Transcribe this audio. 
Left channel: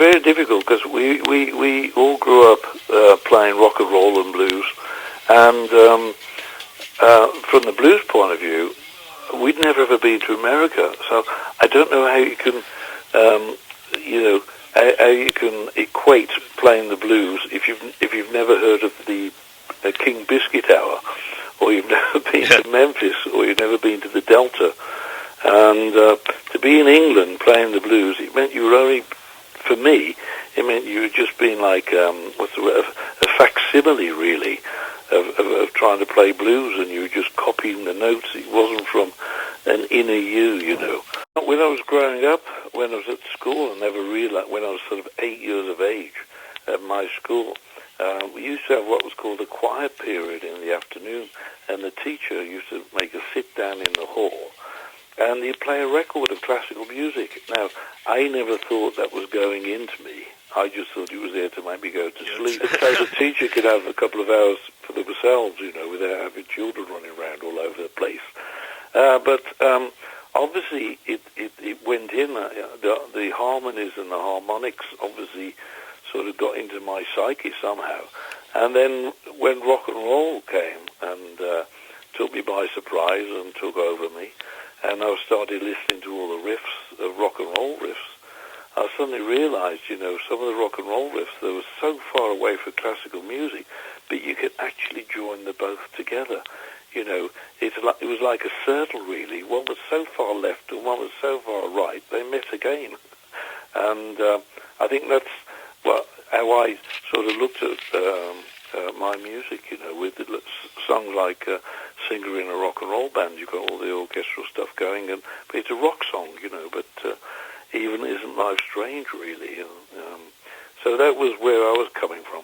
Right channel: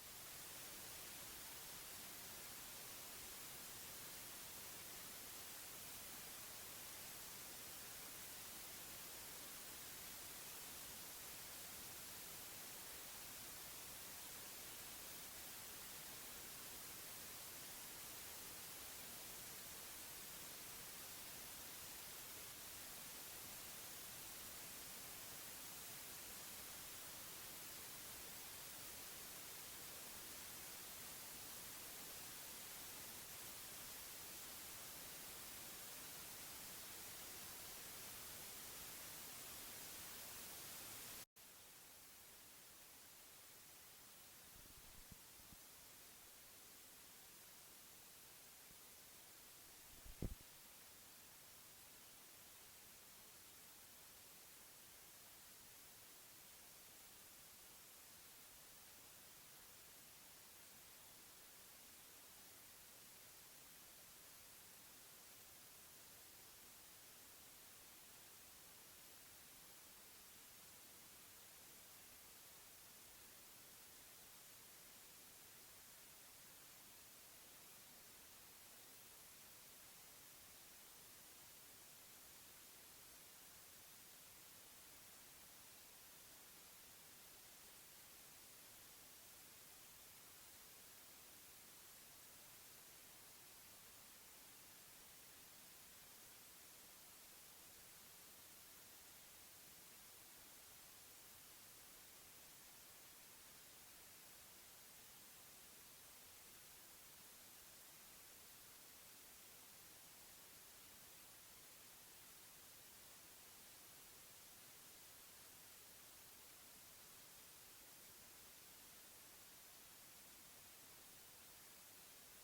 very difficult because we all grew up playing rock and roll and blues, and from the blues point of view, we'd never ever been to America, so I don't know how you can, how you can equate playing the blues if you've never heard of the King Biscuit Hour, or you've never been to Memphis, or you've never been to the Delta. And to be in England playing the blues, it meant you were only, for me, it meant you were just being like, what's the word, a facsimile, really, of trying to play blues, and you were just copying the notes. It wasn't from an inner you know. When I was growing up, when I was at school, I never realized, when I was sort of 8 years of age at my school, we used to have what was called a quiet period in the afternoon, and the teacher used to make us sit down in the hall, and he'd play a record of classical music. Now, I never thought that was going into me. I just thought it was there to make me go to sleep. So the teacher could have a couple of hours for themselves, without having children running around all over the place. But obviously, it went in. The harmonies and the harmonics obviously sort of got into my psyche somehow. And then when rock and roll came and took me by surprise and took over me, and I started listening to all the riffs, the rock and roll riffs, I suddenly realized, some of the rock and roll riffs, they were so far away from classical music, but you could actually join them both together. It was like a circle, really. One was so far left and one was so far right, they met again. And I think that's how I sort of looked at my music, with songs like Singer in a Rock and Roll Band. You've got all the orchestral stuff going, but it's a rock song, but even Isn't Life Strange, really. So that was where I was coming from.